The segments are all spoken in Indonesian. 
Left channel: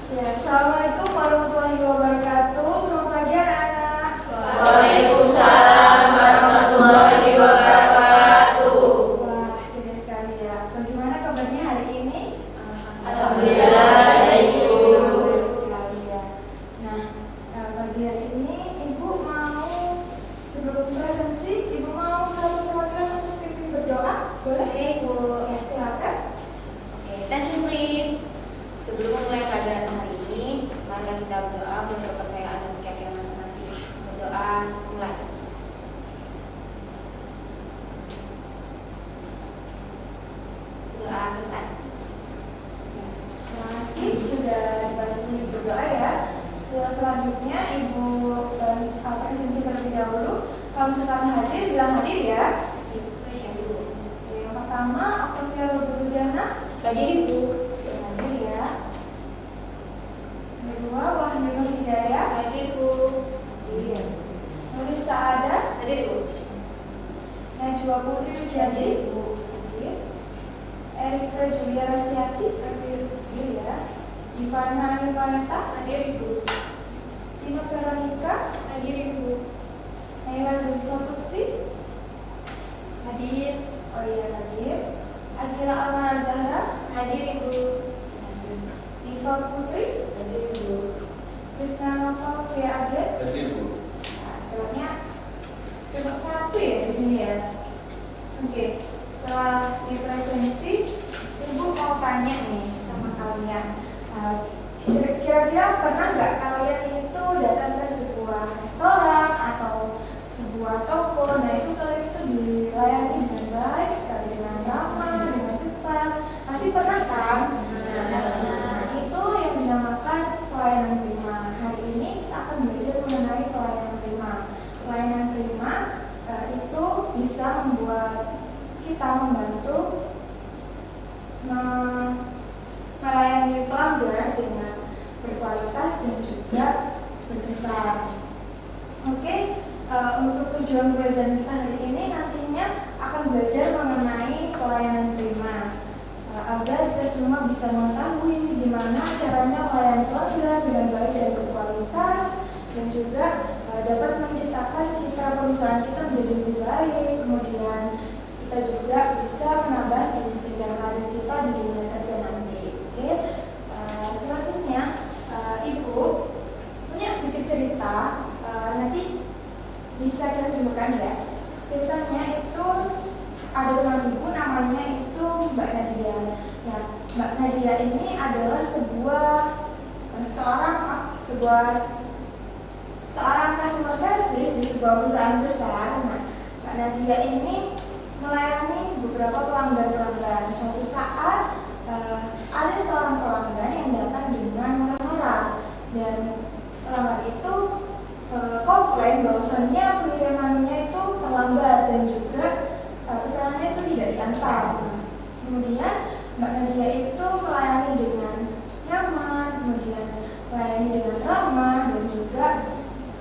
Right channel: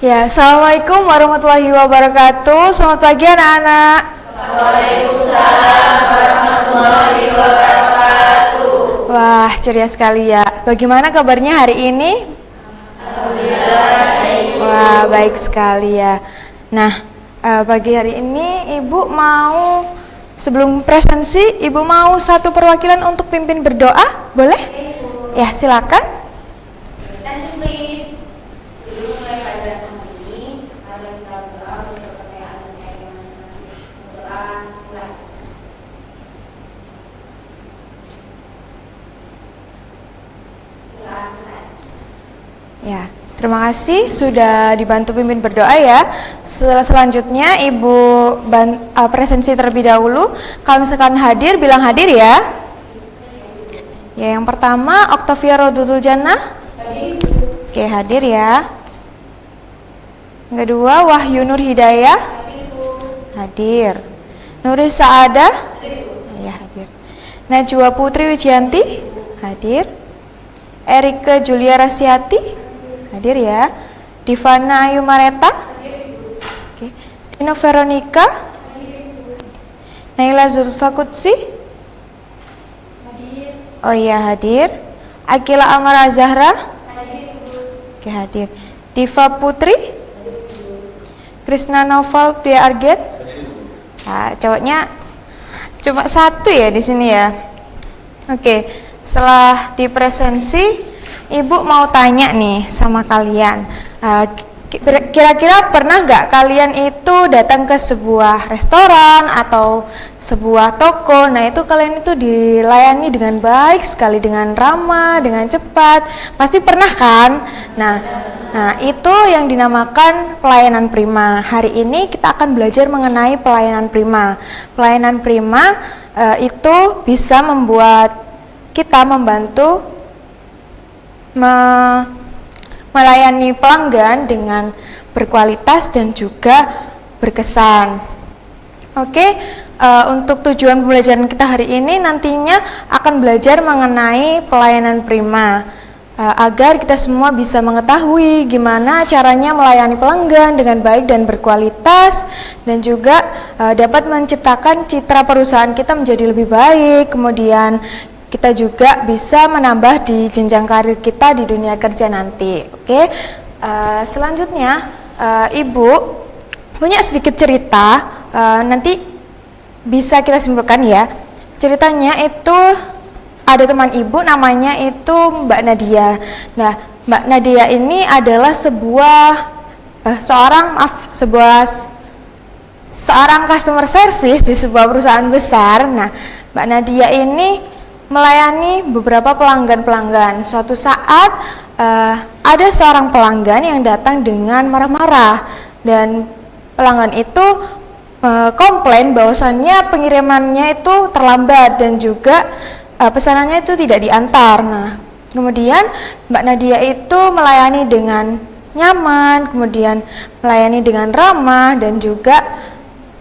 Ya, Assalamualaikum warahmatullahi wabarakatuh. Selamat pagi anak-anak. Waalaikumsalam warahmatullahi wabarakatuh. Wah, ceria sekali ya. Bagaimana kabarnya hari ini? Alhamdulillah baik. Wah, baik sekali ya. Nah, pagi hari ini Ibu mau, sebelum presensi, Ibu mau satu perwakilan untuk pimpin berdoa, boleh? Ya, silakan. Sebelum mulai pelajaran hari ini, mari kita berdoa untuk kepercayaan dan keyakinan masing-masing. Berdoa mulai. Doa selesai. Ya, terima kasih sudah dibantu pimpin berdoa ya. Selanjutnya Ibu presensi terlebih dahulu. Kalau misalkan hadir, bilang hadir ya. Ya, yang pertama Octavia Rodutul Jannah. Oke, hadir ya. Yang kedua Wahyu Nur Hidayah. Hadir. Nuri Saada. Ya, hadir. Najwa Putri Wijianti. Hadir. Erika Julia Rasiati. Hadir ya. Divana Ayu Mareta. Oke. Tino Veronica. Naila Zulfa Kutsi. Oh iya, hadir. Akila Amara Zahra. Oke, hadir. Diva Putri. Krisna Noval Pria Arget. Nah, cowoknya cuma satu ya di sini ya. Oke, setelah dipresensi, Ibu mau tanya nih sama kalian. Kira-kira pernah nggak kalian itu datang ke sebuah restoran atau sebuah toko? Nah, itu kalian itu dilayani dengan baik sekali, dengan ramah, dengan cepat. Pasti pernah kan? Nah, itu yang dinamakan pelayanan prima. Hari ini kita akan belajar mengenai pelayanan prima. Pelayanan prima itu bisa membuat kita membantu melayani pelanggan dengan berkualitas dan juga berkesan. Oke, untuk tujuan pembelajaran kita hari ini nantinya akan belajar mengenai pelayanan prima, agar kita semua bisa mengetahui gimana caranya melayani pelanggan dengan baik dan berkualitas, dan juga dapat menciptakan citra perusahaan kita menjadi lebih baik. Kemudian kita juga bisa menambah di jenjang karir kita di dunia kerja nanti. Oke, selanjutnya Ibu punya sedikit cerita, nanti bisa kita simpulkan ya. Ceritanya itu ada teman Ibu namanya itu Mbak Nadia. Nah, Mbak Nadia ini adalah seorang customer service di sebuah perusahaan besar. Nah, Mbak Nadia ini melayani beberapa pelanggan-pelanggan. Suatu saat ada seorang pelanggan yang datang dengan marah-marah, dan pelanggan itu komplain bahwasannya pengirimannya itu terlambat dan juga pesanannya itu tidak diantar. Nah, kemudian Mbak Nadia itu melayani dengan nyaman, kemudian melayani dengan ramah, dan juga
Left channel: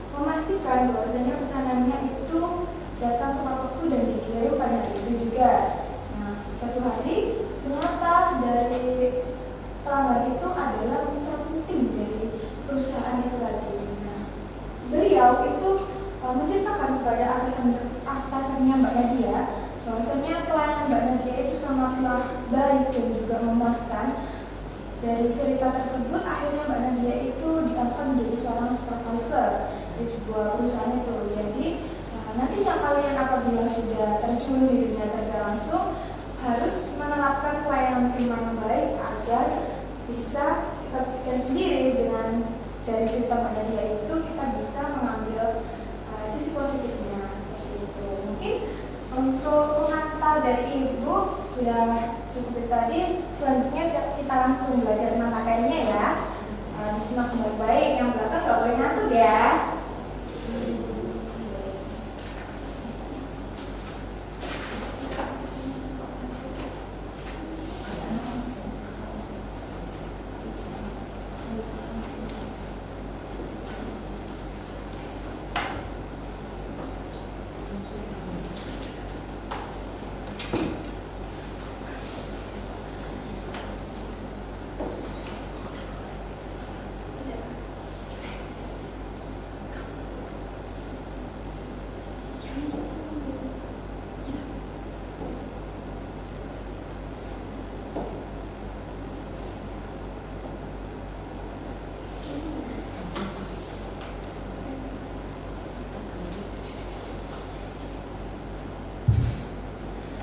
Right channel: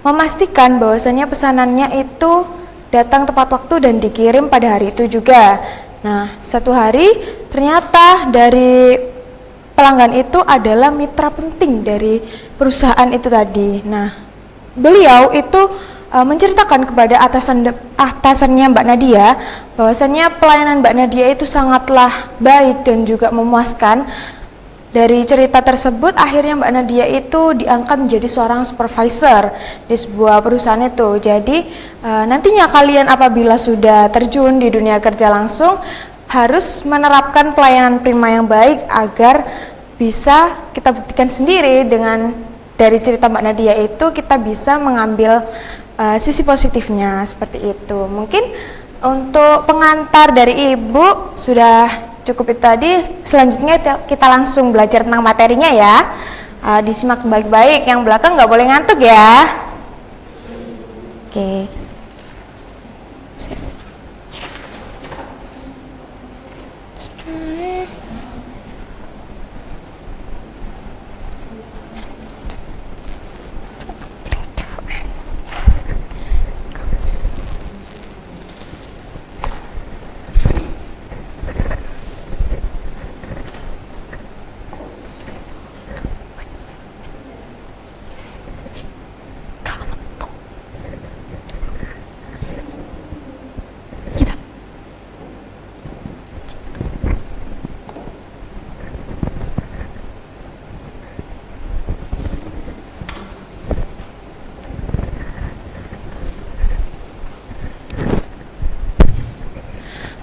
memastikan bahwasannya pesanannya itu datang tepat waktu dan dikirim pada hari itu juga. Nah, satu hari ternyata dari pelanggan itu adalah mitra penting dari perusahaan itu tadi. Nah, beliau itu menceritakan kepada atasannya Mbak Nadia bahwasannya pelayanan Mbak Nadia itu sangatlah baik dan juga memuaskan. Dari cerita tersebut akhirnya Mbak Nadia itu diangkat menjadi seorang supervisor di sebuah perusahaan itu. Jadi nantinya kalian apabila sudah terjun di dunia kerja langsung harus menerapkan pelayanan prima yang baik agar bisa kita buktikan sendiri. Dengan dari cerita Mbak Nadia itu kita bisa mengambil sisi positifnya seperti itu. Mungkin untuk pengantar dari Ibu sudah cukup itu tadi. Selanjutnya kita langsung belajar tentang materinya ya. Disimak baik-baik, yang belakang nggak boleh ngantuk ya. Oke.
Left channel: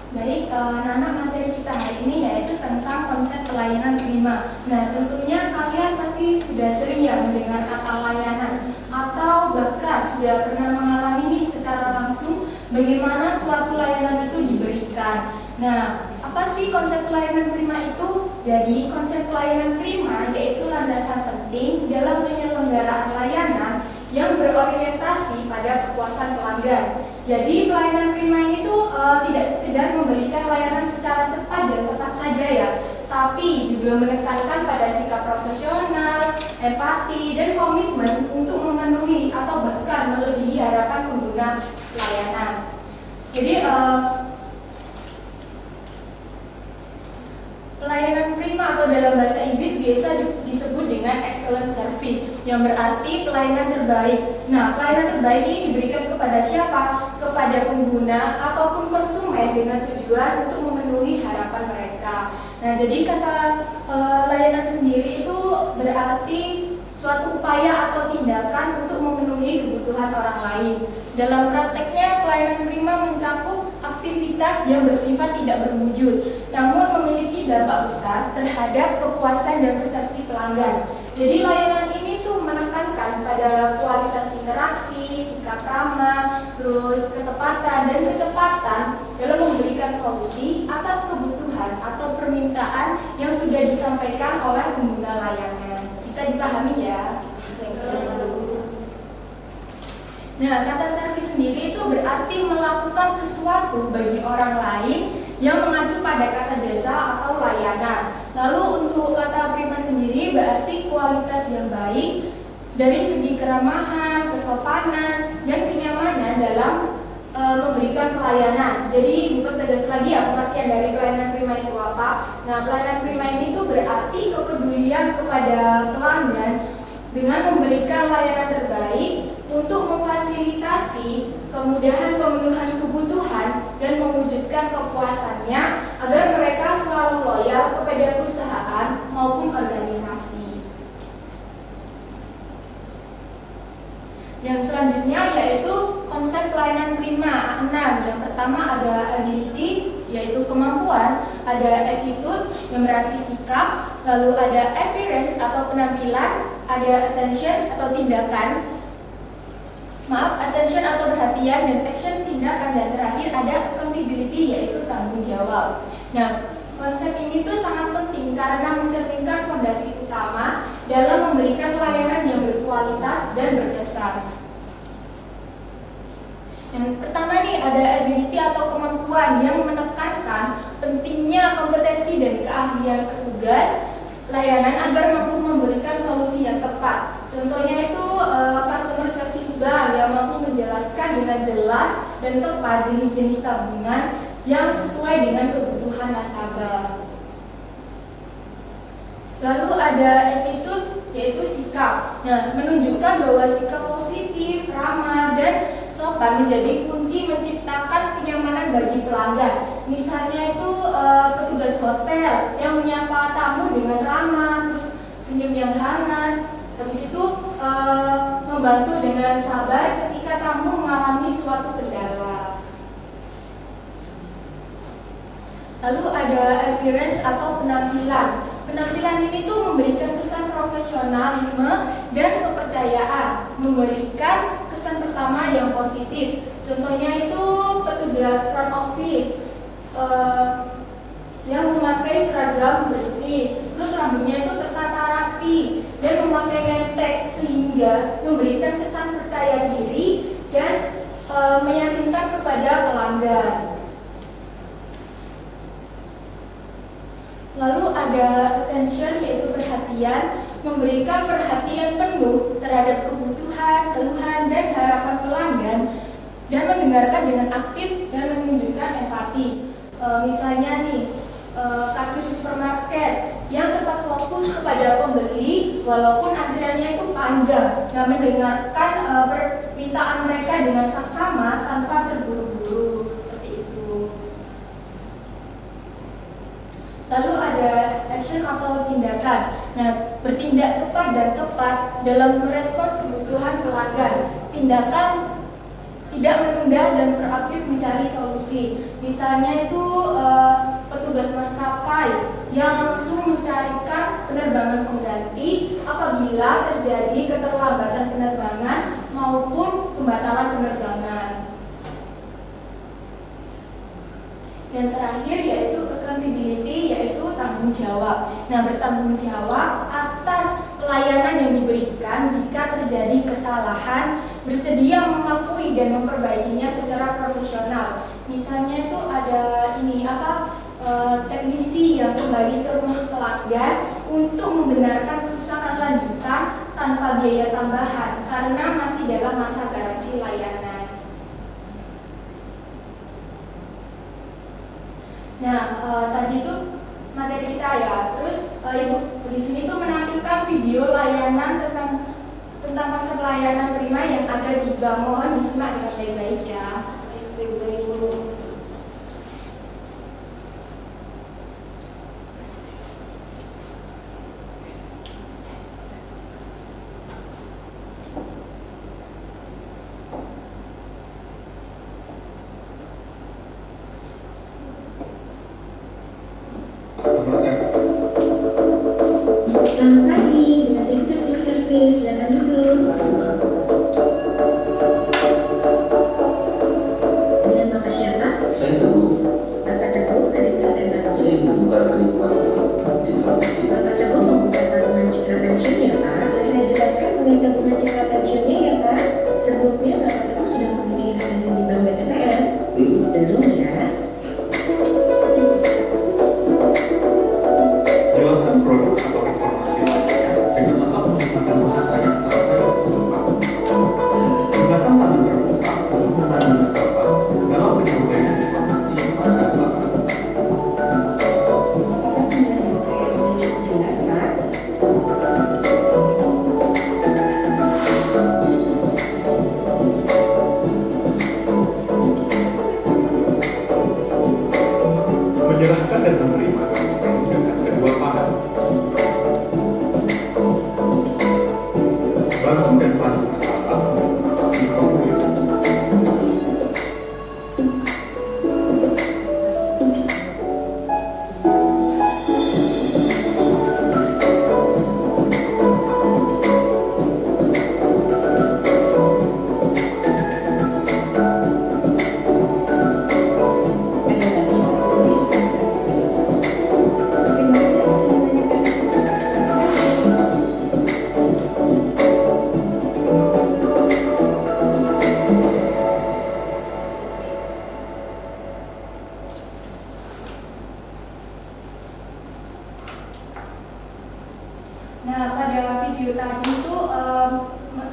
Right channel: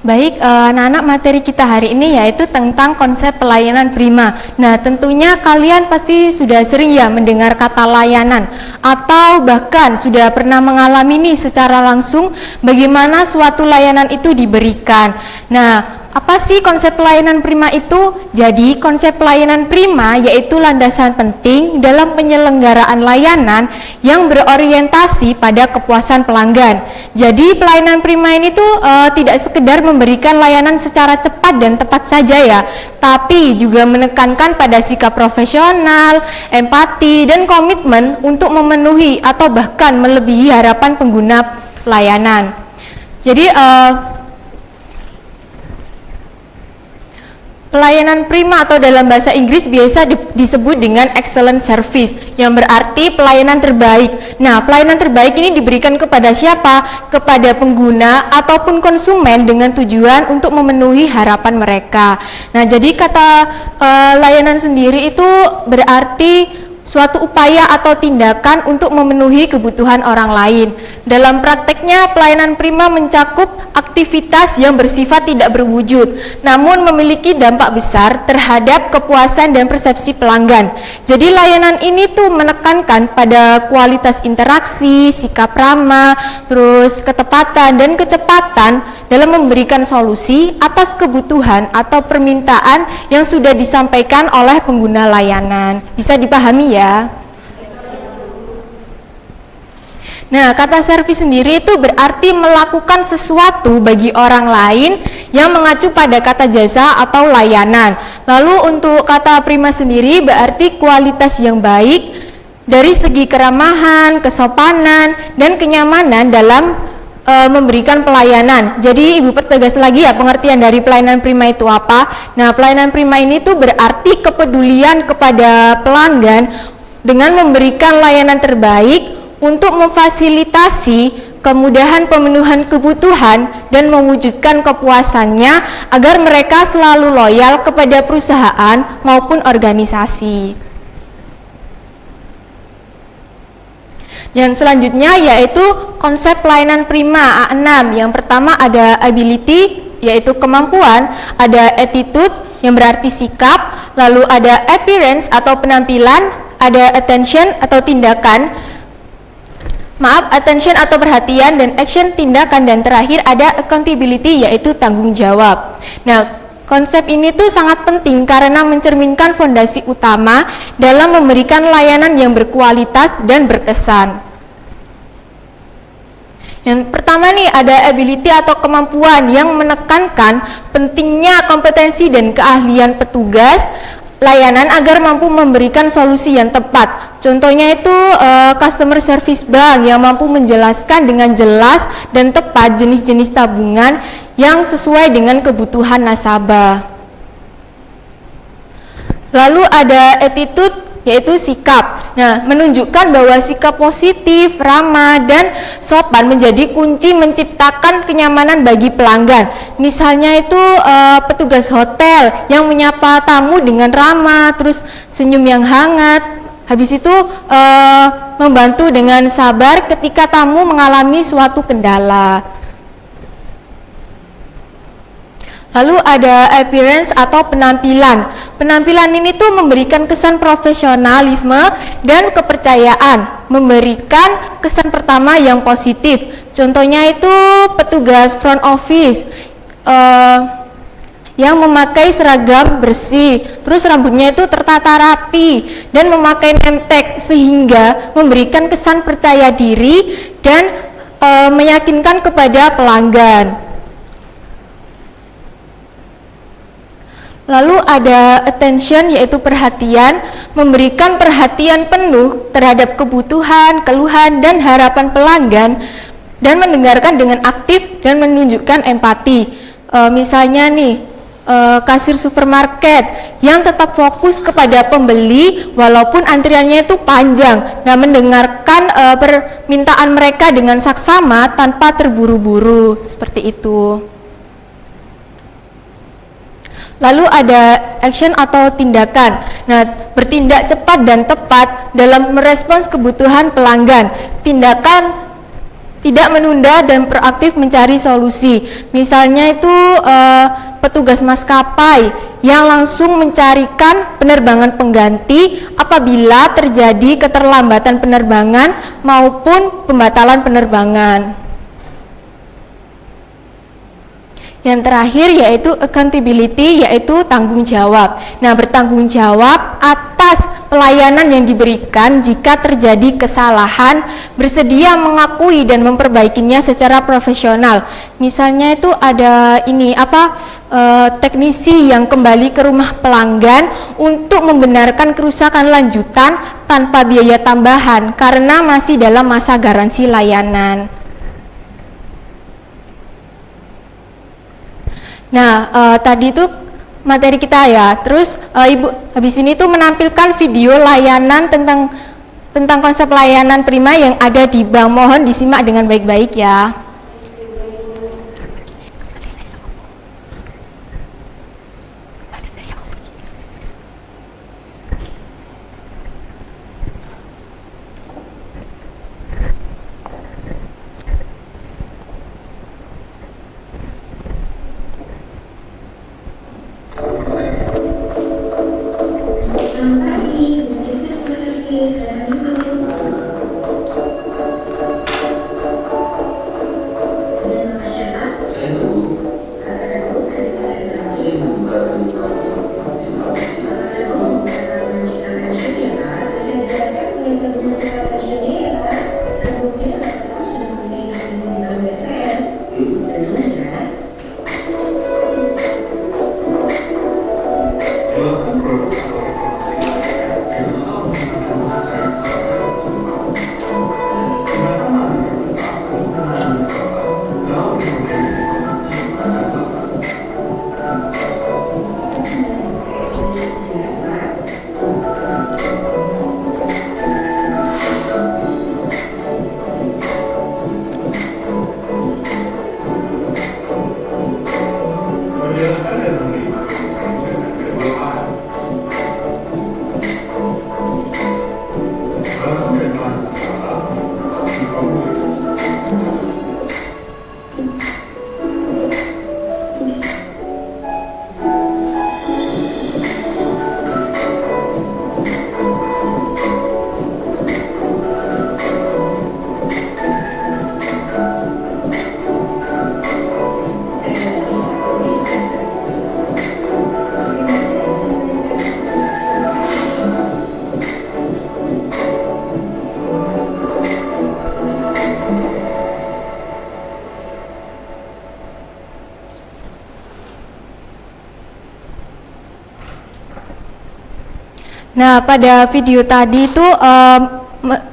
Baik, anak-anak, materi kita hari ini yaitu tentang konsep pelayanan prima. Nah, tentunya kalian pasti sudah sering ya mendengar kata layanan, atau bahkan sudah pernah mengalami nih secara langsung bagaimana suatu layanan itu diberikan. Nah, apa sih konsep pelayanan prima itu? Jadi, konsep pelayanan prima yaitu landasan penting dalam penyelenggaraan layanan yang berorientasi pada kepuasan pelanggan. Jadi, pelayanan prima ini tuh tidak sekedar memberikan layanan secara cepat dan tepat saja ya, tapi juga menekankan pada sikap profesional, empati, dan komitmen untuk memenuhi atau bahkan melebihi harapan pengguna pelayanan. Jadi, pelayanan prima atau dalam bahasa Inggris biasa disebut dengan excellent service, yang berarti pelayanan terbaik. Nah, pelayanan terbaik ini diberikan kepada siapa? Kepada pengguna ataupun konsumen dengan tujuan untuk memenuhi harapan mereka. Nah, jadi kata layanan sendiri itu berarti suatu upaya atau tindakan untuk memenuhi kebutuhan orang lain. Dalam prakteknya, pelayanan prima mencakup aktivitas yang bersifat tidak berwujud, namun memiliki dampak besar terhadap kepuasan dan persepsi pelanggan. Jadi layanan ini tuh menekankan pada kualitas interaksi, sikap ramah, terus ketepatan dan kecepatan dalam memberikan solusi atas kebutuhan atau permintaan yang sudah disampaikan oleh pengguna layanan. Bisa dipahami ya? Nah, kata servis sendiri itu berarti melakukan sesuatu bagi orang lain yang mengacu pada kata jasa atau layanan. Lalu untuk kata prima sendiri berarti kualitas yang baik dari segi keramahan, kesopanan, dan kenyamanan dalam memberikan pelayanan. Jadi Ibu pertegas lagi ya pengertian dari pelayanan prima itu apa. Nah, pelayanan prima ini tuh berarti kepedulian kepada pelanggan dengan memberikan layanan terbaik untuk memfasilitasi kemudahan pemenuhan kebutuhan dan mewujudkan kepuasannya agar mereka selalu loyal kepada perusahaan maupun organisasi. Yang selanjutnya yaitu konsep pelayanan prima A6. Yang pertama ada ability, yaitu kemampuan, ada attitude yang berarti sikap, lalu ada appearance atau penampilan, ada attention atau tindakan, attention atau perhatian, dan action tindakan, dan terakhir ada accountability yaitu tanggung jawab. Nah, konsep ini tuh sangat penting karena mencerminkan fondasi utama dalam memberikan layanan yang berkualitas dan berkesan. Yang pertama nih ada ability atau kemampuan yang menekankan pentingnya kompetensi dan keahlian petugas layanan agar mampu memberikan solusi yang tepat. Contohnya itu customer service bank yang mampu menjelaskan dengan jelas dan tepat jenis-jenis tabungan yang sesuai dengan kebutuhan nasabah. Lalu ada attitude yaitu sikap. Nah, menunjukkan bahwa sikap positif, ramah, dan sopan menjadi kunci menciptakan kenyamanan bagi pelanggan. Misalnya itu petugas hotel yang menyapa tamu dengan ramah, terus senyum yang hangat. Habis itu membantu dengan sabar ketika tamu mengalami suatu kendala. Lalu ada appearance atau penampilan. Penampilan ini tuh memberikan kesan profesionalisme dan kepercayaan, memberikan kesan pertama yang positif. Contohnya itu petugas front office yang memakai seragam bersih, terus rambutnya itu tertata rapi dan memakai name tag sehingga memberikan kesan percaya diri dan meyakinkan kepada pelanggan. Lalu ada attention yaitu perhatian, memberikan perhatian penuh terhadap kebutuhan, keluhan, dan harapan pelanggan dan mendengarkan dengan aktif dan menunjukkan empati. Misalnya nih kasir supermarket yang tetap fokus kepada pembeli walaupun antriannya itu panjang. Nah, mendengarkan permintaan mereka dengan saksama tanpa terburu-buru, seperti itu. Lalu ada action atau tindakan. Nah, bertindak cepat dan tepat dalam merespons kebutuhan pelanggan. Tindakan tidak menunda dan proaktif mencari solusi. Misalnya itu petugas maskapai yang langsung mencarikan penerbangan pengganti apabila terjadi keterlambatan penerbangan maupun pembatalan penerbangan. Yang terakhir yaitu accountability, yaitu tanggung jawab. Nah, bertanggung jawab atas pelayanan yang diberikan jika terjadi kesalahan, bersedia mengakui dan memperbaikinya secara profesional. Misalnya itu ada teknisi yang kembali ke rumah pelanggan untuk membenarkan kerusakan lanjutan tanpa biaya tambahan karena masih dalam masa garansi layanan. Nah, tadi itu materi kita ya. Terus Ibu habis ini tuh menampilkan video layanan tentang konsep layanan prima yang ada di bank. Mohon disimak dengan baik-baik ya. Nah, pada video tadi itu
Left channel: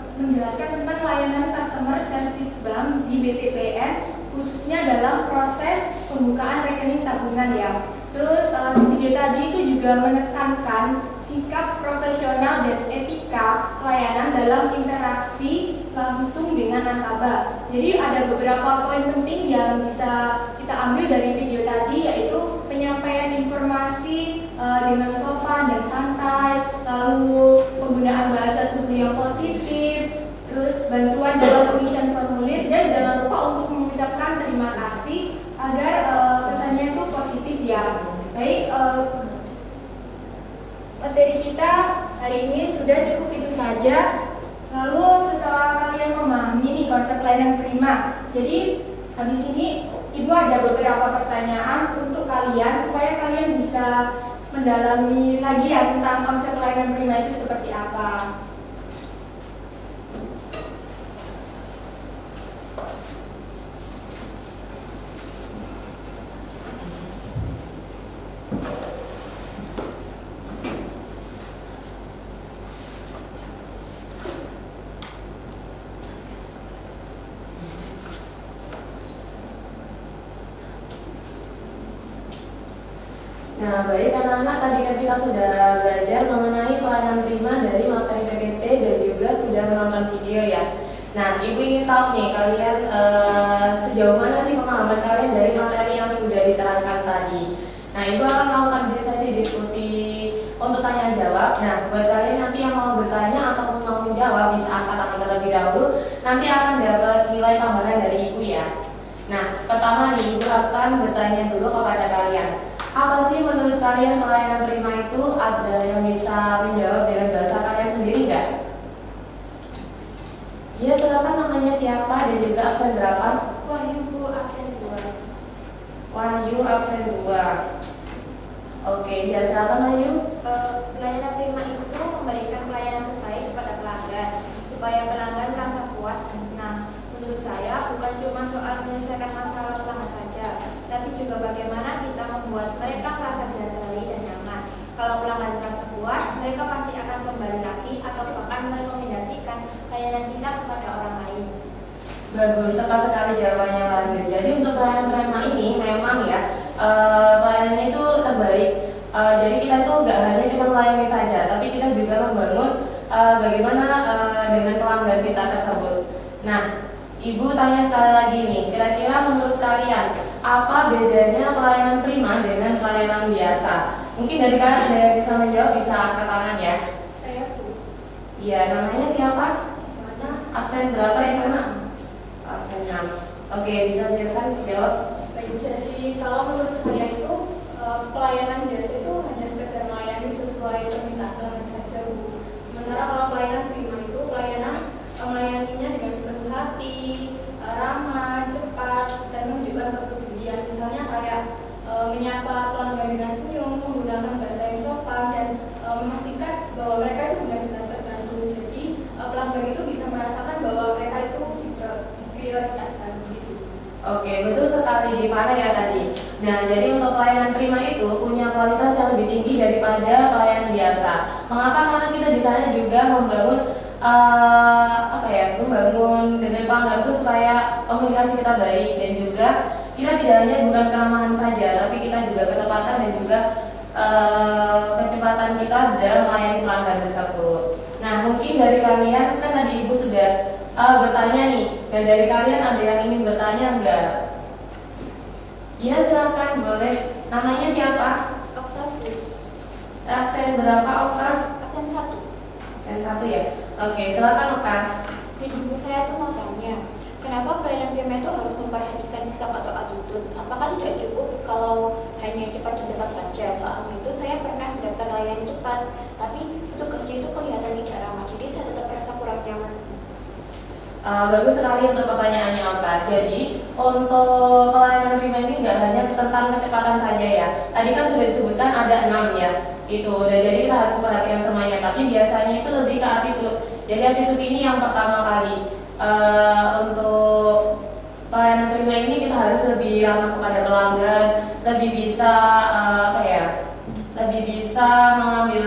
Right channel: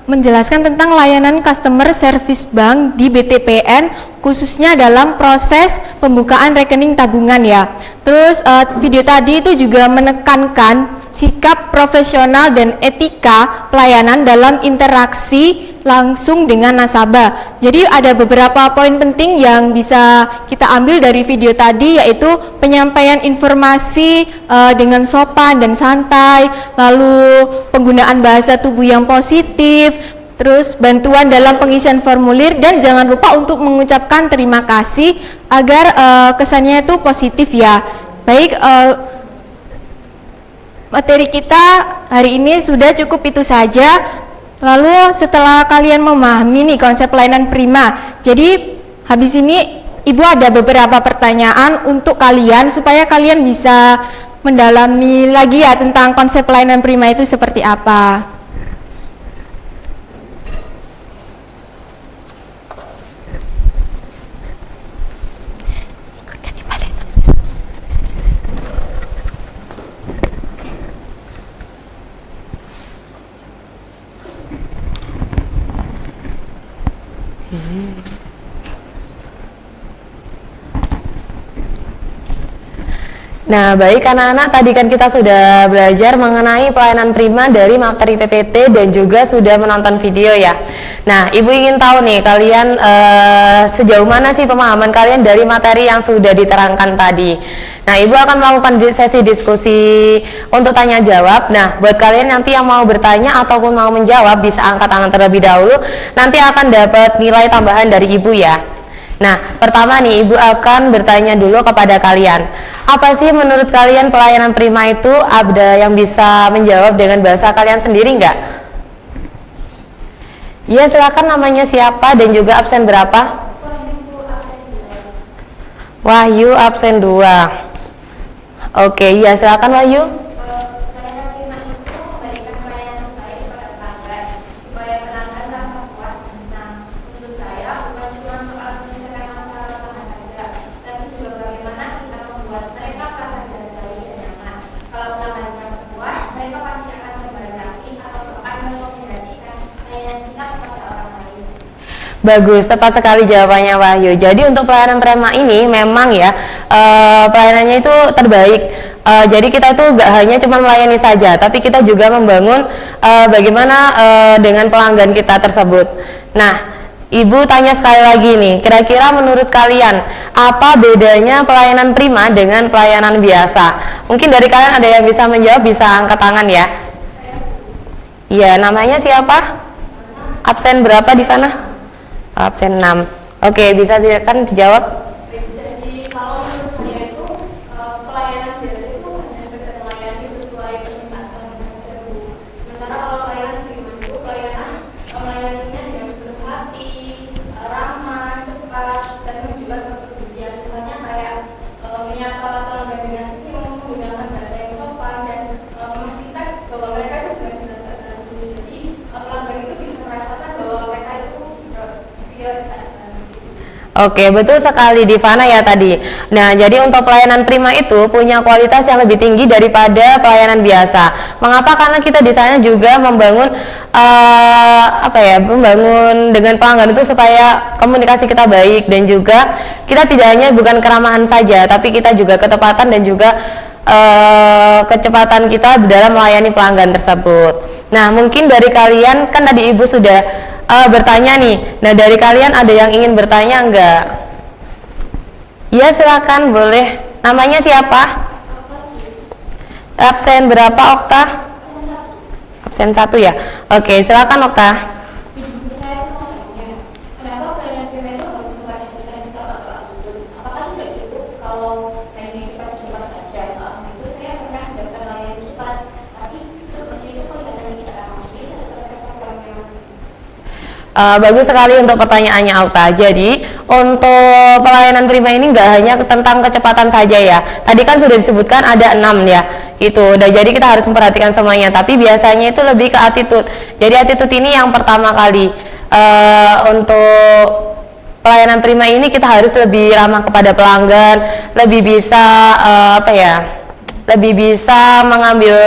menjelaskan tentang layanan customer service bank di BTPN, khususnya dalam proses pembukaan rekening tabungan ya. Terus video tadi itu juga menekankan sikap profesional dan etika pelayanan dalam interaksi langsung dengan nasabah. Jadi ada beberapa poin penting yang bisa kita ambil dari video tadi, yaitu penyampaian informasi dengan sopan dan santai, lalu penggunaan bahasa tubuh yang positif, terus bantuan dalam pengisian formulir, dan jangan lupa untuk mengucapkan terima kasih agar kesannya itu positif ya. Baik, materi kita hari ini sudah cukup itu saja. Lalu setelah kalian memahami nih konsep layanan prima, jadi habis ini Ibu ada beberapa pertanyaan untuk kalian supaya kalian bisa mendalami lagi ya tentang konsep layanan prima itu seperti apa. Nah, baik anak-anak, tadi kan kita sudah belajar mengenai pelayanan prima dari materi PPT dan juga sudah menonton video ya. Nah, Ibu ingin tahu nih kalian sejauh mana sih pemahaman kalian dari materi yang sudah diterangkan tadi. Nah, Ibu akan melakukan sesi diskusi untuk tanya jawab. Nah, buat kalian nanti yang mau bertanya ataupun mau menjawab bisa angkat tangan terlebih dahulu. Nanti akan dapat nilai tambahan dari Ibu ya. Nah, pertama nih Ibu akan bertanya dulu kepada kalian. Apa sih menurut kalian pelayanan prima itu? Ada yang bisa menjawab dengan bahasa kalian sendiri nggak? Ya, silakan, namanya siapa dan juga absen berapa? Wahyu absen 2. Oke, ya silakan Wahyu. Pelayanan prima itu memberikan pelayanan terbaik kepada pelanggan supaya pelanggan merasa puas dan senang. Menurut saya, bukan cuma soal menyelesaikan masalah pelanggan saja, tapi juga bagaimana kita membuat mereka merasa dihargai dan nyaman. Kalau pelanggan merasa puas, mereka pasti akan kembali lagi atau akan merekomendasikan layanan kita kepada orang lain. Bagus, tepat sekali jawabannya Wahyu. Jadi untuk pelayanan prima ini memang ya pelayanannya itu terbaik. Jadi kita itu gak hanya cuma melayani saja, tapi kita juga membangun bagaimana dengan pelanggan kita tersebut. Nah, Ibu tanya sekali lagi nih, kira-kira menurut kalian apa bedanya pelayanan prima dengan pelayanan biasa? Mungkin dari kalian ada yang bisa menjawab, bisa angkat tangan ya. Iya, namanya siapa? Absen berapa di sana? Absen 6. Oke, bisa silakan dijawab. Jadi kalau menurut saya itu pelayanan biasa itu hanya sekedar melayani sesuai permintaan pelanggan saja, Bu. Sementara kalau pelayanan prima itu melayaninya dengan sepenuh hati, ramah, cepat, dan juga berkepedulian. Misalnya kayak menyapa pelanggan dengan senyum, menggunakan bahasa yang sopan, dan memastikan bahwa mereka itu benar-benar terbantu. Jadi pelanggan itu bisa merasakan bahwa mereka itu diprioritaskan. Oke, betul sekali Divana ya tadi. Nah, jadi untuk pelayanan prima itu punya kualitas yang lebih tinggi daripada pelayanan biasa. Mengapa? Karena kita di sana juga membangun membangun dengan pelanggan itu supaya komunikasi kita baik, dan juga kita tidak hanya bukan keramahan saja, tapi kita juga ketepatan dan juga kecepatan kita dalam melayani pelanggan tersebut. Nah, mungkin dari kalian kan tadi Ibu sudah bertanya nih. Nah, dari kalian ada yang ingin bertanya enggak? Ya, silakan, boleh. Namanya siapa? Absen berapa, Okta? Absen 1 ya. Oke, silakan Okta. Ibu saya itu mau tanya, kenapa pelayanan prima itu harus memperhatikan sikap atau attitude? Apakah tidak cukup kalau hanya cepat dan cepat saja? Soal itu saya pernah melayani cepat, tapi untuk kerja itu kelihatan tidak ramah. Jadi saya tetap merasa kurang nyaman. Bagus sekali untuk pertanyaannya Okta. Jadi untuk pelayanan prima ini nggak hanya tentang kecepatan saja ya. Tadi kan sudah disebutkan ada 6 ya. Itu udah, jadi kita harus memperhatikan semuanya. Tapi biasanya itu lebih ke attitude. Jadi attitude ini yang pertama kali untuk pelayanan prima ini kita harus lebih ramah kepada pelanggan, lebih bisa lebih bisa mengambil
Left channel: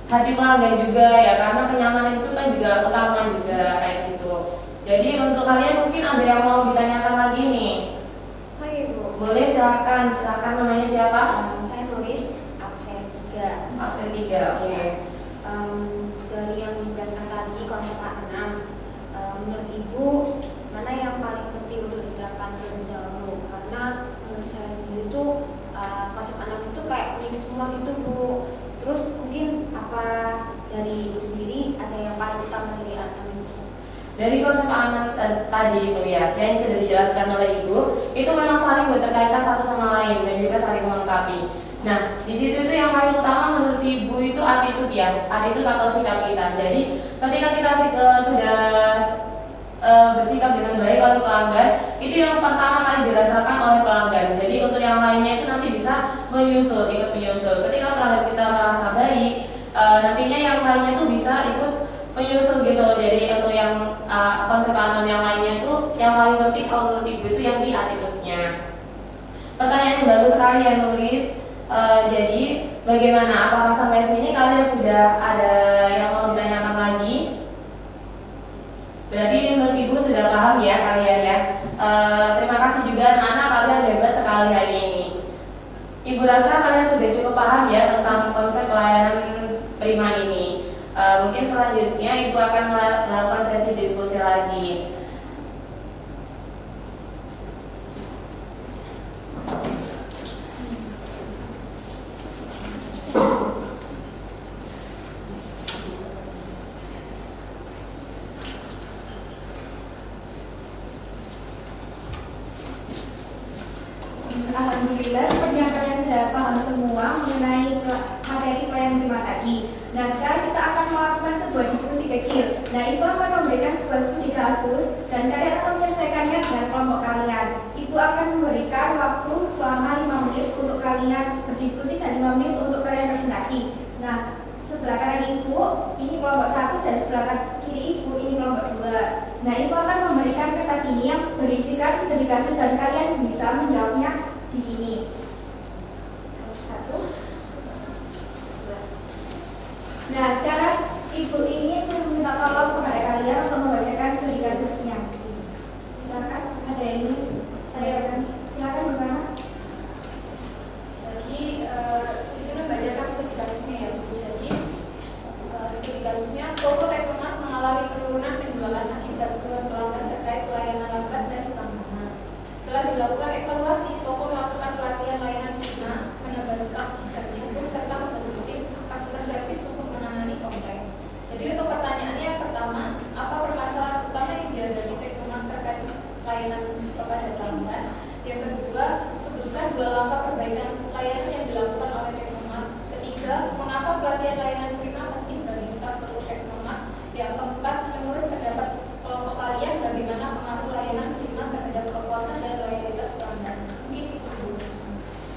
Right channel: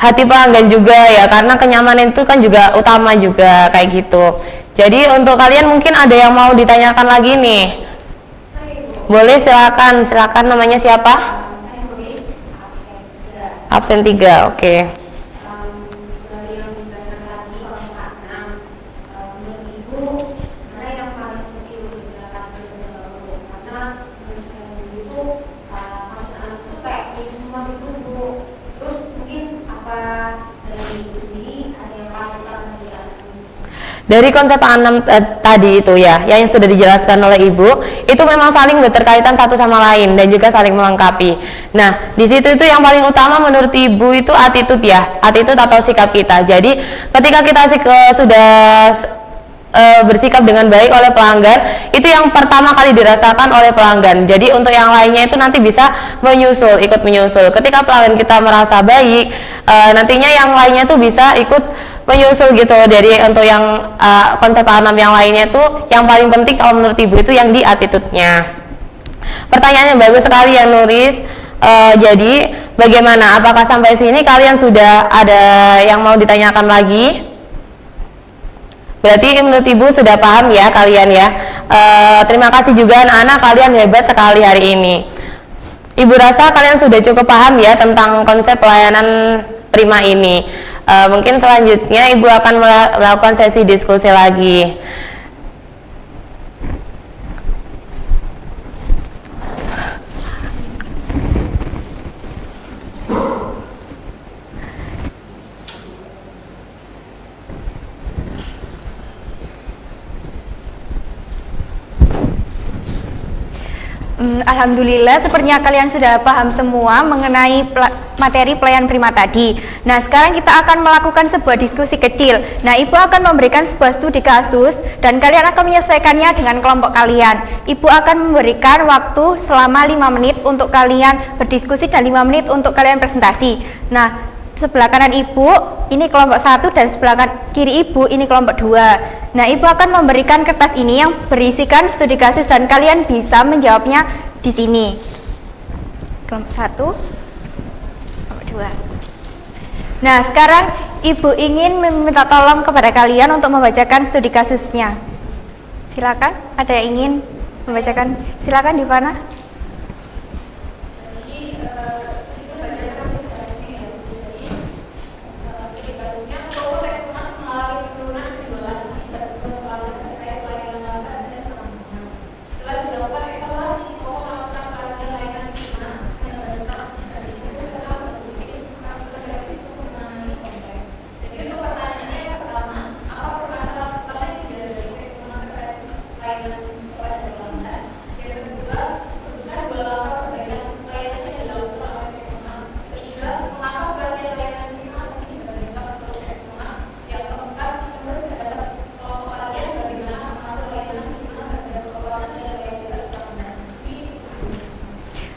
hati pelanggan juga ya, karena kenyamanan itu kan juga utama juga kayak gitu. Jadi untuk kalian mungkin ada yang mau ditanyakan lagi nih. Boleh, silakan namanya siapa? Saya tulis Absen absen 3. 3, oke. Dari yang dijelaskan tadi konsep 6, menurut Ibu mana yang paling penting untuk dikatakan terlebih dahulu? Karena menurut saya sendiri itu konsep 6 itu kayak ini semua gitu, Bu. Terus mungkin apa dari Ibu sendiri ada yang paling utama dari 6 itu? Dari konsep 6 tadi itu ya, yang sudah dijelaskan oleh Ibu, itu memang saling berkaitan satu sama lain dan juga saling melengkapi. Nah, di situ itu yang paling utama menurut Ibu itu attitude ya, attitude atau sikap kita. Jadi ketika kita sudah bersikap dengan baik oleh pelanggan, itu yang pertama kali dirasakan oleh pelanggan. Jadi untuk yang lainnya itu nanti bisa ikut menyusul. Ketika pelanggan kita merasa baik, nantinya yang lainnya tuh bisa ikut menyusul gitu. Dari untuk yang konsep 6 yang lainnya tuh yang paling penting kalau menurut Ibu itu yang di attitude-nya. Pertanyaannya bagus sekali ya Nuris. Jadi bagaimana? Apakah sampai sini kalian sudah ada yang mau ditanyakan lagi? Berarti menurut Ibu sudah paham ya kalian ya. Terima kasih juga anak-anak, kalian hebat sekali hari ini. Ibu rasa kalian sudah cukup paham ya tentang konsep pelayanan prima ini. Mungkin selanjutnya Ibu akan melakukan sesi diskusi lagi. Alhamdulillah, sepertinya kalian sudah paham semua mengenai materi pelayanan prima tadi. Nah, sekarang kita akan melakukan sebuah diskusi kecil. Nah, Ibu akan memberikan sebuah studi kasus dan kalian akan menyelesaikannya dengan kelompok kalian. Ibu akan memberikan waktu selama 5 menit untuk kalian berdiskusi dan 5 menit untuk kalian presentasi. Nah, sebelah kanan Ibu ini kelompok 1 dan sebelah kiri Ibu ini kelompok 2. Nah, Ibu akan memberikan kertas ini yang berisikan studi kasus dan kalian bisa menjawabnya di sini. Kelompok 1, kelompok 2. Nah, sekarang Ibu ingin meminta tolong kepada kalian untuk membacakan studi kasusnya. Silakan, ada yang ingin membacakan? Silakan, di mana?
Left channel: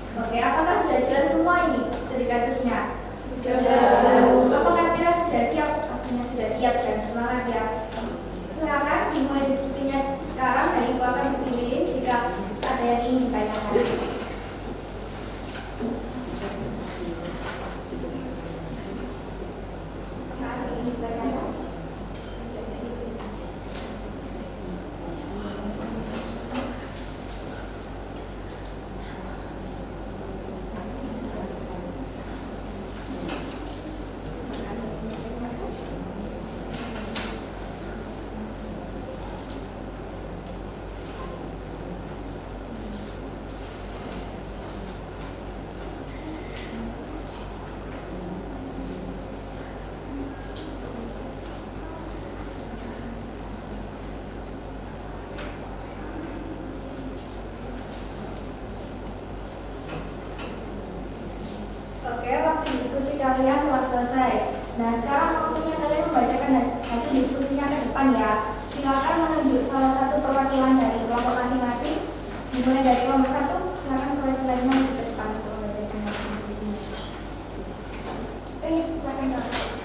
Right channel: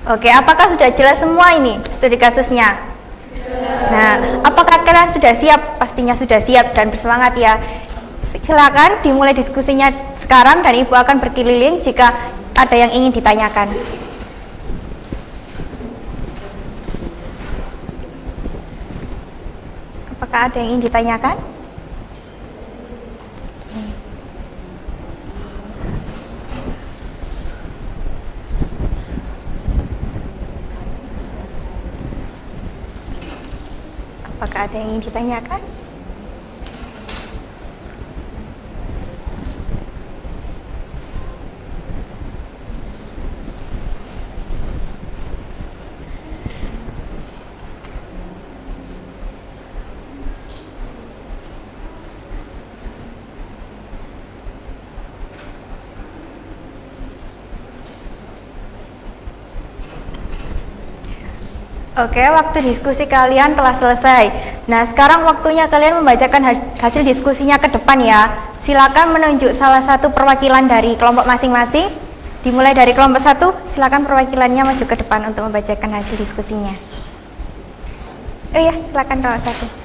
Oke, apakah sudah jelas semua ini studi kasusnya? Nah, apakah kalian sudah siap? Pastinya sudah siap dan bersemangat ya. Silakan dimulai diskusinya sekarang dan Ibu akan berkeliling jika ada yang ingin ditanyakan. Apakah ada yang ingin ditanyakan? Apakah ada yang ingin ditanyakan? Oke, waktu diskusi kalian telah selesai. Nah, sekarang waktunya kalian membacakan hasil diskusinya ke depan ya. Silakan menunjuk salah satu perwakilan dari kelompok masing-masing. Dimulai dari kelompok 1, silakan perwakilannya maju ke depan untuk membacakan hasil diskusinya. Oh iya, silakan kelompok 1.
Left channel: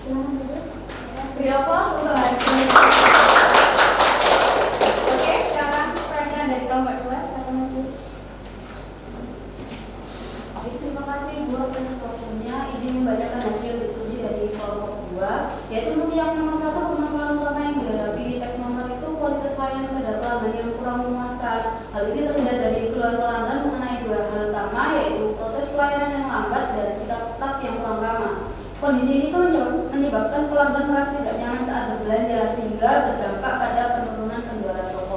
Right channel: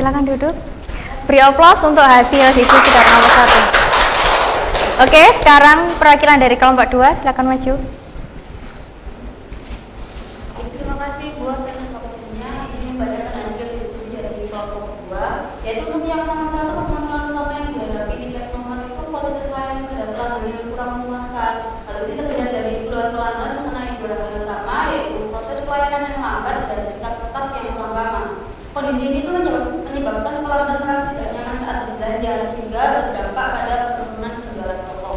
silakan duduk. Beri aplaus untuk hasil diskusi dari kelompok 1. Oke, sekarang perwakilan dari kelompok 2, silakan maju. Terima kasih buat kesempatan izin membacakan hasil diskusi dari kelompok 2, yaitu yang masalah permasalahan utama yang dihadapi di teknomat itu kualitas layanan terhadap pelanggan yang kurang memuaskan. Hal ini terlihat dari jumlah pelanggan mengenai dua hal utama, yaitu proses pelayanan yang lambat dan sikap staf yang kurang ramah. Kondisi ini menyebabkan pelanggan merasa tidak nyaman saat berbelanja sehingga berdampak pada penurunan penjualan toko.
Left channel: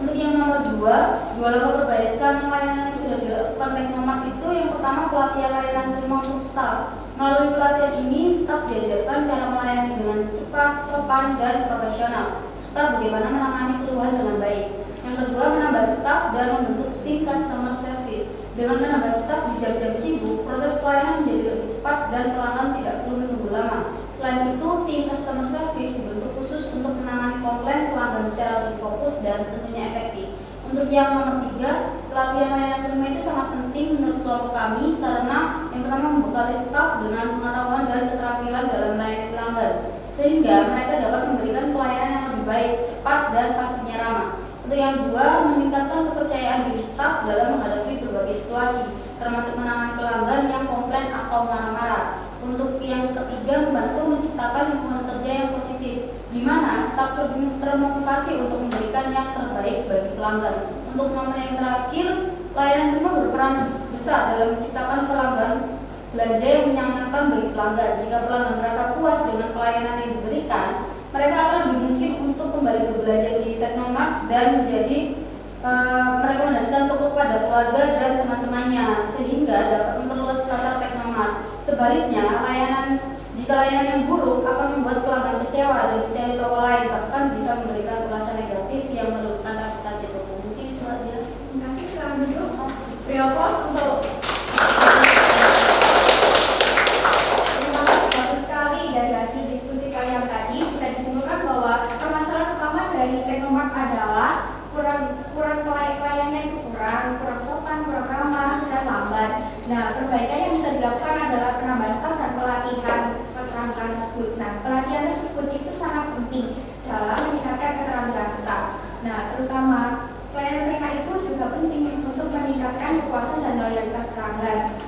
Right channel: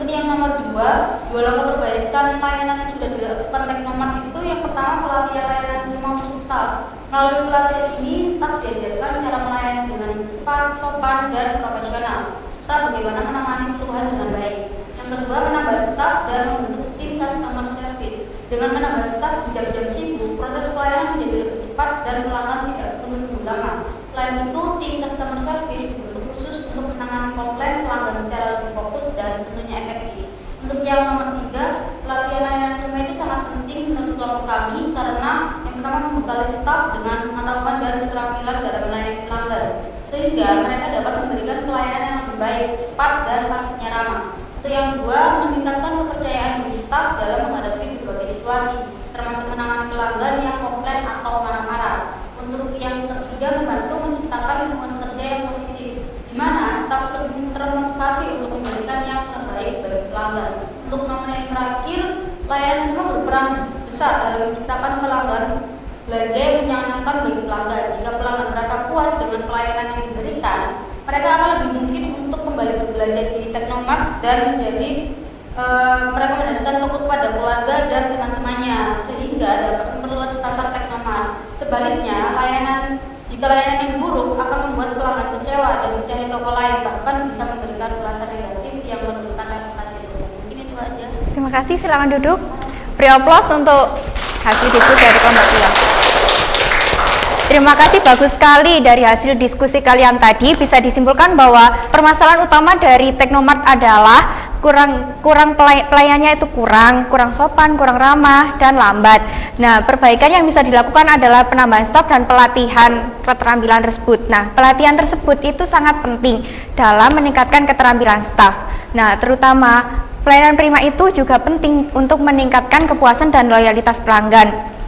Untuk yang nomor 2, beberapa perbaikan layanan yang sudah dilakukan oleh Teknomat itu yang pertama pelatihan layanan maupun staff. Melalui pelatihan ini, staff diajarkan cara melayani dengan cepat, sopan, dan profesional, serta bagaimana menangani keluhan dengan baik. Yang kedua, menambah staff dan membentuk tim customer service. Dengan menambah staff di jam-jam sibuk, proses pelayanan menjadi lebih cepat dan pelanggan tidak perlu menunggu lama. Selain itu, tim customer service dibentuk khusus untuk menangani komplain pelanggan secara terfokus dan tentunya efektif. Untuk yang nomor 3, pelatihan layanan tunai itu sangat penting menurut kelompok kami karena yang pertama membekali staff dengan pengetahuan dan keterampilan dalam melayani pelanggan, sehingga mereka dapat memberikan pelayanan yang terbaik, cepat, dan pastinya ramah. Untuk yang kedua, meningkatkan kepercayaan di staff dalam menghadapi berbagai situasi, termasuk menangani pelanggan yang komplain atau marah-marah. Untuk yang ketiga, membantu menciptakan lingkungan kerja yang positif, di mana staff lebih termotivasi untuk memberikan yang terbaik bagi pelanggan. Untuk nomor yang terakhir, layanan itu berperan besar dalam menciptakan pelanggan belanja yang menyenangkan bagi pelanggan. Jika pelanggan merasa puas dengan pelayanan yang diberikan, mereka akan lebih mungkin untuk kembali berbelanja di Teknomat dan menjadi merekomendasikan untuk kepada keluarga dan teman-temannya sehingga dapat meluas pasar Teknomat. Sebaliknya, jika layanan yang buruk akan membuat pelanggan kecewa dan mencari toko lain, bahkan bisa memberikan perasaan negatif yang memerlukan adaptasi itu. Mungkin itu saja. Terima kasih, silakan duduk. Beri aplaus untuk hasil diskusi dari kelompok 2. Terima kasih, bagus sekali dari hasil diskusi kalian tadi bisa disimpulkan bahwa permasalahan utama dari Teknomat adalah pelayanannya itu kurang sopan, kurang ramah, dan lambat. Nah, perbaikan yang bisa dilakukan adalah penambahan staf dan pelatihan keterampilan tersebut. Nah, pelatihan tersebut itu sangat penting dalam meningkatkan keterampilan staf. Nah, terutama pelayanan prima itu juga penting untuk meningkatkan kepuasan dan loyalitas pelanggan.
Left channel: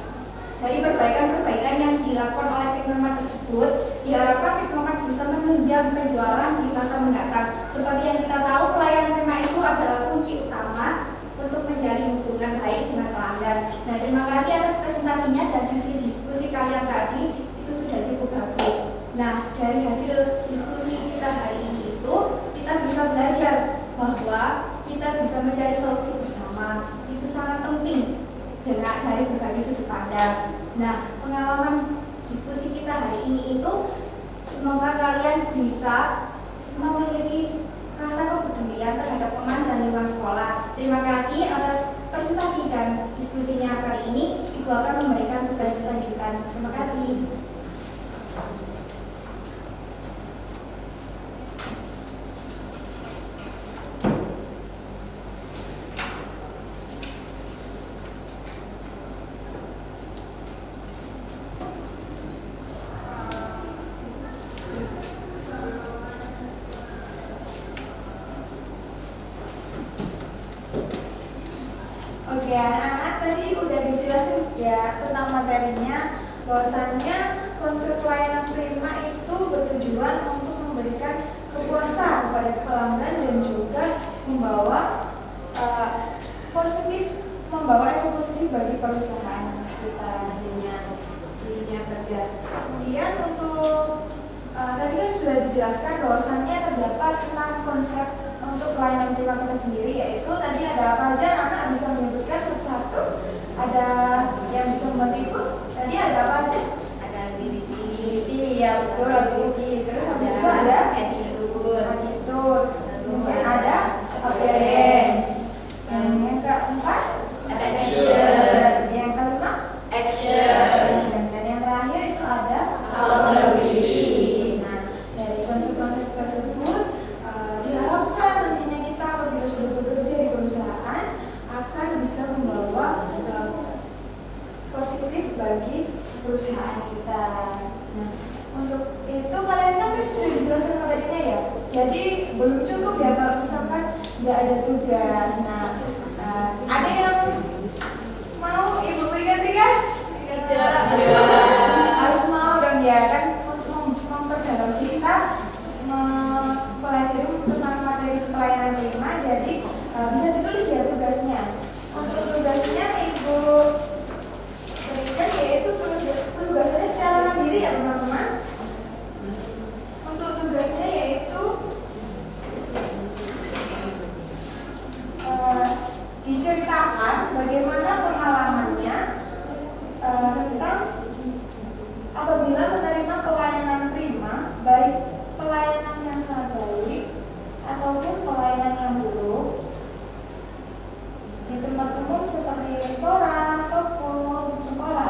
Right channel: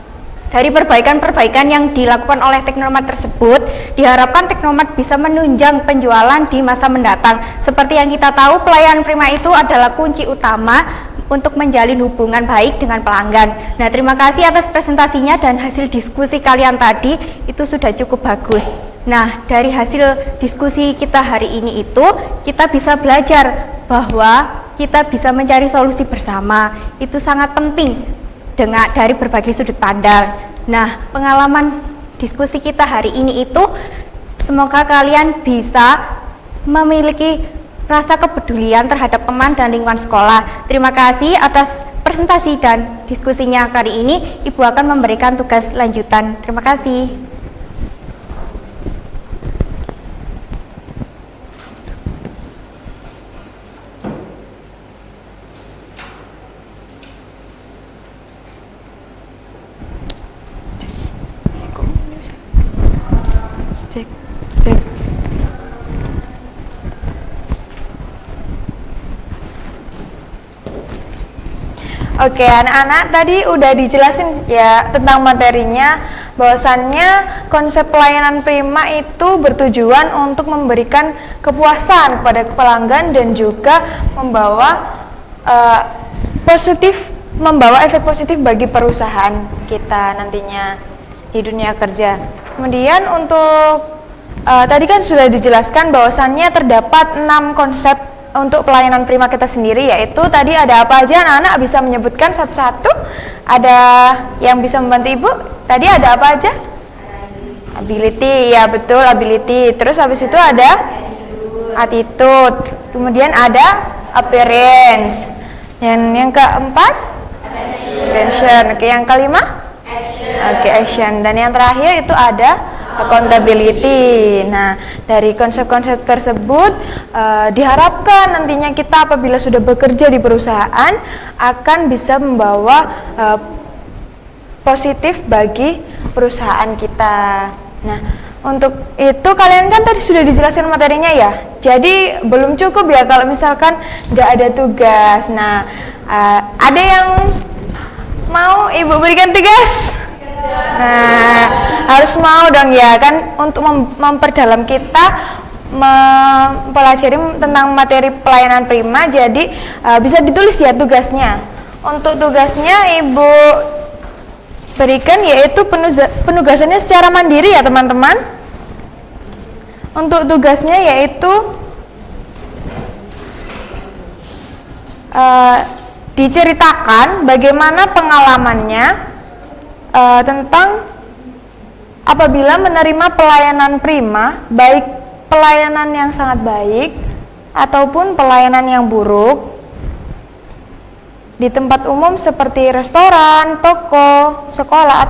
Dari perbaikan-perbaikan yang dilakukan oleh Teknomat tersebut, diharapkan Teknomat bisa menunjang penjualan di masa mendatang. Seperti yang kita tahu, pelayanan prima itu adalah kunci utama untuk menjalin hubungan baik dengan pelanggan. Nah, terima kasih atas presentasinya dan hasil diskusi kalian tadi itu sudah cukup bagus. Nah, dari hasil diskusi kita hari ini itu, kita bisa belajar bahwa kita bisa mencari solusi bersama. Itu sangat penting dari berbagai sudut pandang. Nah, pengalaman diskusi kita hari ini itu semoga kalian bisa memiliki rasa kepedulian terhadap teman dan lingkungan sekolah. Terima kasih atas presentasi dan diskusinya kali ini. Ibu akan memberikan tugas lanjutan. Terima kasih. Oke, anak-anak tadi udah dijelasin ya tentang materinya, bahwasannya konsep pelayanan prima itu bertujuan untuk memberikan kepuasan pada pelanggan dan juga membawa efek positif bagi perusahaan kita nantinya di dunia kerja. Kemudian untuk tadi kan sudah dijelaskan bahwasannya terdapat 6 konsep untuk pelayanan prima kita sendiri, yaitu tadi ada apa aja, anak-anak bisa menyebutkan satu-satu. Ada yang bisa membantu ibu? Tadi ada apa aja? Ability, ya betul, ability. Terus habis itu ada attitude. Kemudian ada appearance. Dan yang keempat? Attention. Oke, yang kelima? Oke, action. Dan yang terakhir itu ada accountability. Nah, dari konsep-konsep tersebut diharapkan nantinya kita apabila sudah bekerja di perusahaan akan bisa membawa positif bagi perusahaan kita. Nah, Untuk itu kalian kan tadi sudah dijelaskan materinya ya. Jadi belum cukup ya kalau misalkan nggak ada tugas. Nah, ada yang mau ibu berikan tugas? Nah, harus mau dong ya kan, untuk memperdalam kita mempelajari tentang materi pelayanan prima. Jadi bisa ditulis ya tugasnya. Untuk tugasnya ibu berikan yaitu penugasannya secara mandiri ya teman-teman. Untuk tugasnya yaitu diceritakan bagaimana pengalamannya tentang apabila menerima pelayanan prima, baik pelayanan yang sangat baik ataupun pelayanan yang buruk di tempat umum seperti restoran, toko, sekolah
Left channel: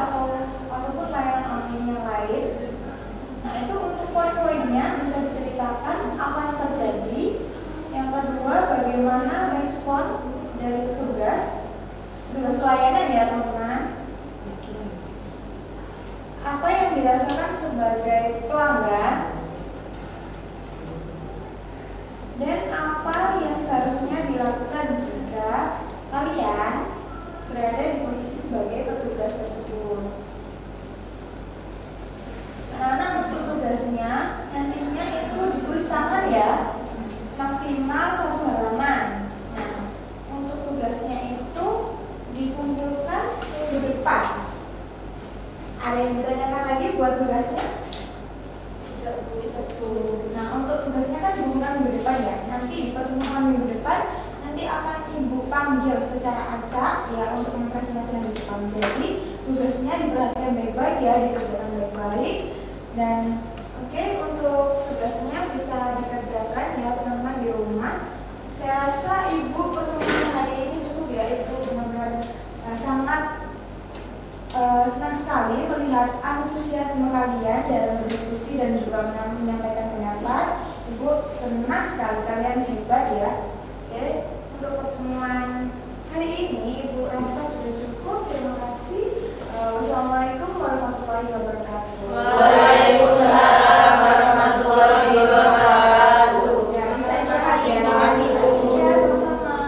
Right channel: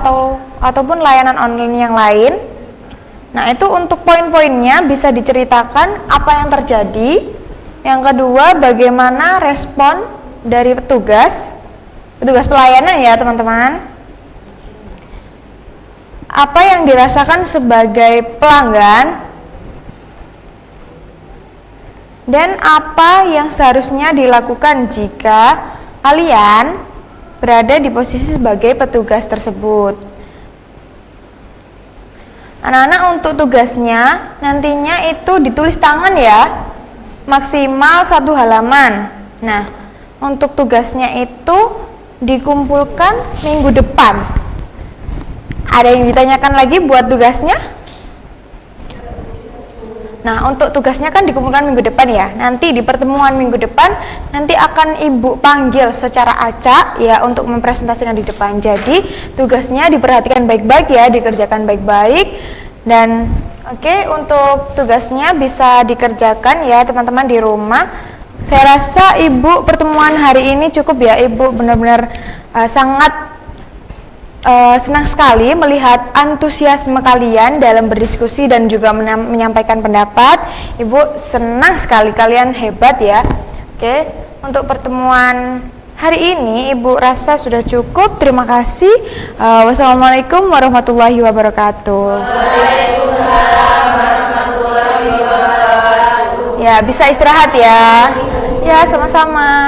ataupun layanan online yang lain. Nah, itu untuk poin-poinnya bisa diceritakan apa yang terjadi. Yang kedua, bagaimana respon dari petugas pelayanan ya teman-teman. Apa yang dirasakan sebagai pelanggan dan apa yang seharusnya dilakukan jika kalian berada di posisi sebagai petugas tersebut. Anak-anak, untuk tugasnya nantinya itu ditulis tangan ya, maksimal 1 halaman. Nah, untuk tugasnya itu dikumpulkan minggu depan. Ada yang ditanyakan lagi buat tugasnya? Nah, untuk tugasnya kan dikumpulkan minggu depan ya. Nanti di pertemuan minggu depan nanti akan ibu panggil secara acak ya untuk mempresentasikan di depan. Jadi tugasnya diperhatikan baik-baik ya, dikerjakan baik-baik. Dan oke, untuk tugasnya bisa dikerjakan ya teman-teman di rumah. Saya rasa ibu pertemuan hari ini cukup ya. Ibu benar-benar sangat senang sekali melihat antusiasme kalian dalam berdiskusi dan juga menyampaikan pendapat. Ibu senang sekali, kalian hebat ya. Oke, untuk pertemuan hari ini ibu rasa sudah cukup. Terima kasih. Wassalamualaikum warahmatullahi wabarakatuh. Waalaikumsalam warahmatullahi wabarakatuh. Ya, bisa istirahat ya. Ya, sama-sama.